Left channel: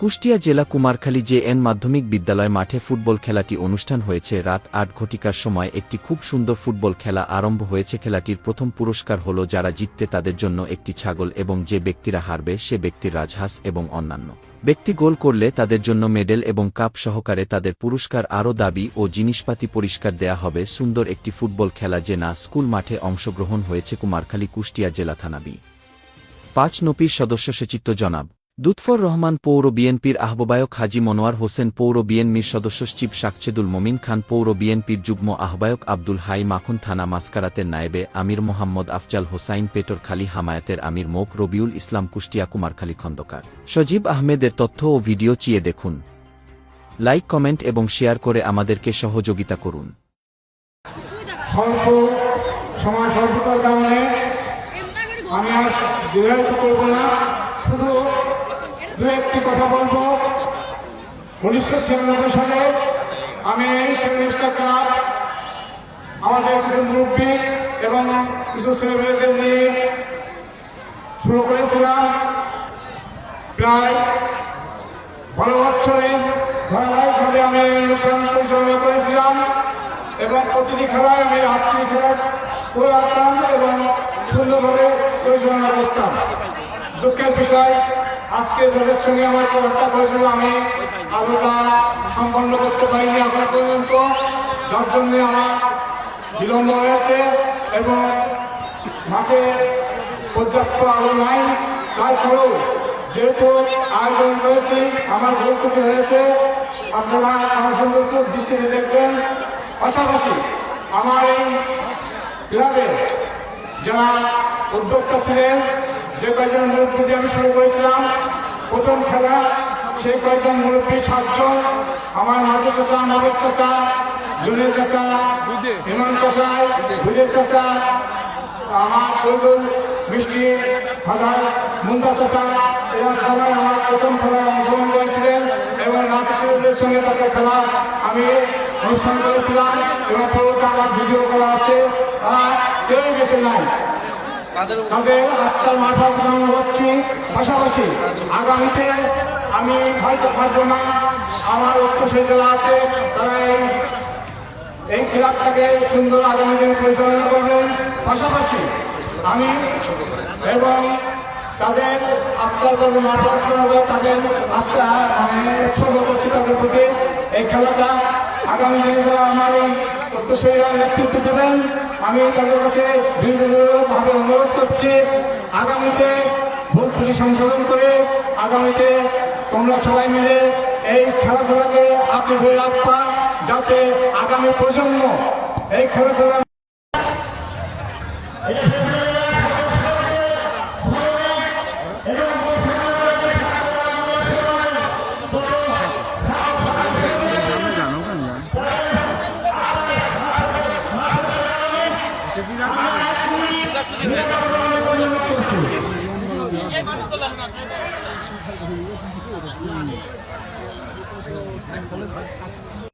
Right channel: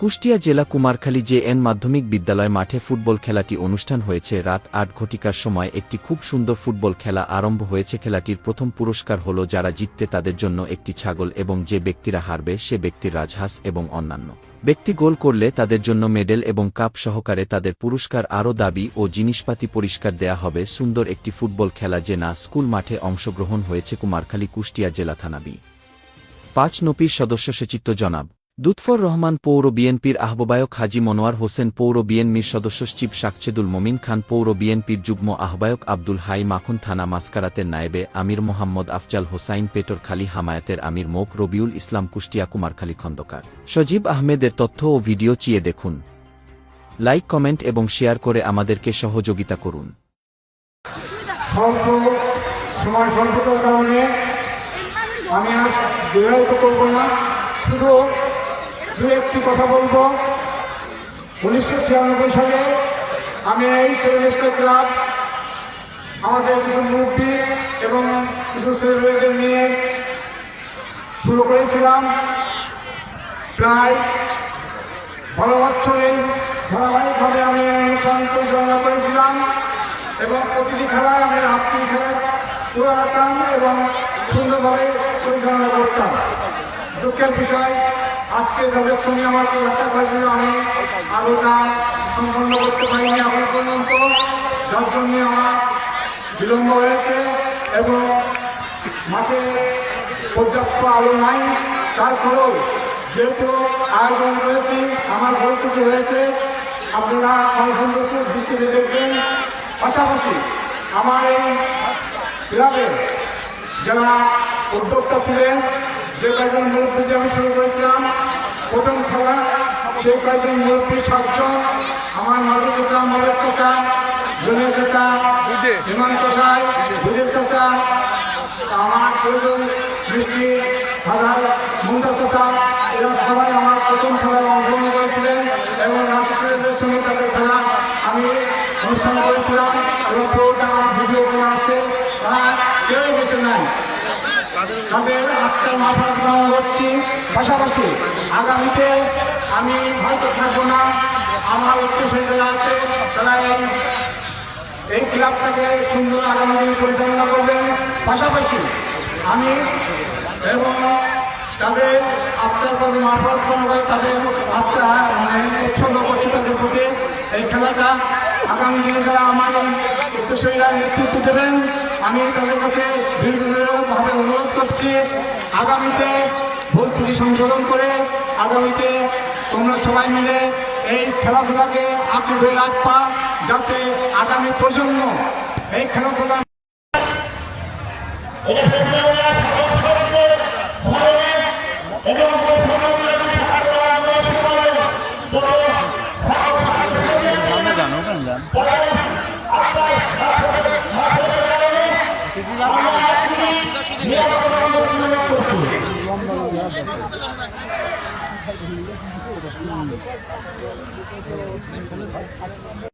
কুষ্টিয়া জেলা Kumarkhali J N মাধ্যমিক বিদ্যালয় মাঠে ফুটবল খেলাটি অনুষ্ঠান হয়েছে। রাত আট ঘটিকার সময় একটি খুব সুন্দর ফুটবল খেলা আরম্ভ হয়েছে। খেলাটির প্রথম পুরস্কার হল যারা জিততে তাদের জন্য একটি ছাগল এবং যে ব্যক্তিরা হারবে সে ব্যক্তির রাজহাঁস এবং অন্যান্য। ব্যক্তি গোল করলে তাদের জন্য মেডেল এবং কাপ সহকারে তাদের পুরস্কার আরও দাবি ও জিনিসপাতি পরিষ্কার দেয়া হবে। সুন্দর একটি ফুটবল খেলা যে না, স্কুল মাঠে অংশগ্রহণ হয়েছে কুমারখালী কুষ্টিয়া জেলা থানাবি পাঁচ নপির সদস্য সচিত্র জনাব। দুৎফর রহমান পৌর বিএনপির আহ্বায়ক হাজি মনোয়ার হোসেন পৌর বিএনপির সদস্য চিফ শাকচেদুল মমিন খান পৌর বিএনপির যুগ্ম আহ্বায়ক আব্দুল হাই মাখন থানা মাসকারাতের নায়েবে আমির মোহাম্মদ আফজাল হোসাইন পেটরখালী হামায়াতের আমির মোক রবিউল ইসলাম কুষ্টিয়া কুমারখালী খন্দকার। সজীব আহমেদের তথ্য ও ভিডিও চিয়ে দেখুন। লাইক, কমেন্ট এবং শেয়ার করে আমাদেরকে সহযোগিতা করুন। সময় কারণে আমি আর দূরায়িত করব না। শুধু দু একটি কথা বলব। উনিশশো ছিয়ানব্বই সালে আমি এই সেভেনিস্টার ক্লাব, আমাদের কিছু মুরব্বী এবং কিছু ছেলেমেয়েদের নিয়ে শুরু করেছিলাম। প্রায় বারো বছরে ধারাবাহিকভাবে আমি এই অনুষ্ঠান পরিচালনা করেছিলাম এবং প্রতিটি খেলায় আমি রাত্রি খেলা করে রাখতাম এবং সুন্দরভাবে পরিচালনা করতাম। দুঃখের বিষয়, আজকে যাদের সঙ্গে আমার কন্ট্যাক্ট হয়েছিল, আমি আলোটা সম্পন্ন করতে পারিনি এখন পর্যন্ত। যার জন্যে আমার বিলম্ব হয়েছে এবং মাঠে পর্যাপ্ত আলো নাই। তারপরেও যেহেতু আয়োজন করেছি, আমার ভুল ত্রুটি হয়েছে, আপনারা সুন্দর দৃষ্টিতে দেখবেন। পাশাপাশি আমার এই ক্লাবের যারা উদ্যোক্তা ছিলেন, যে কয়েকজন মুরব্বী দিয়ে আমি শুরু করেছিলাম, প্রথম খেলা সেই কয়েকজন মুরব্বী সাতজন, আমার মাধু চাচা মবের চাচা জনের চাচা ইমান কষাই বুঝের চাচা, আমার শহীদুল মিষ্টি ফাদার মুন্তা চাচা, এরা সবাই আমার প্রথম খেলায় অংশগ্রহণ করেছিলেন এবং নাচিদের সঙ্গে তাদের খেলা আমি অনুষ্ঠান করেছিলাম এবং পুরোটা আমার ভিডিও করা আছে। তারা কেউই বসে নাই। তাদের আত্মার মারফত কামনা করছি। পাশাপাশি আগামীতে আমি হয়তো থাকব না। আমার উত্তরসূরি যারা আছে, তারা এই এই ক্লাবটাকে সুন্দর আগামী দিনে পরিচালনা করবেন। পাশাপাশি আমি এবং তাদের আত্মার পথে মারফত করাবে তাদের আত্মা মানে উৎসর্গ করছি তাদের প্রতি। এই খেলাটা আগামী দিনে যারা আমার উত্তরসূরীরা নেতৃত্ব দেবেন, আমি তাদের কাছে ভাবে অনুরোধ করছি, আগামীতে ভুল থেকে সংশোধন করে আগামীতে তোমরা সবাই মিলে এই খেলাধুলাকে আপনি ধরে রাখবা, যাতে আগামী প্রজন্ম এই খেলাধুলা ไม่สลดนะ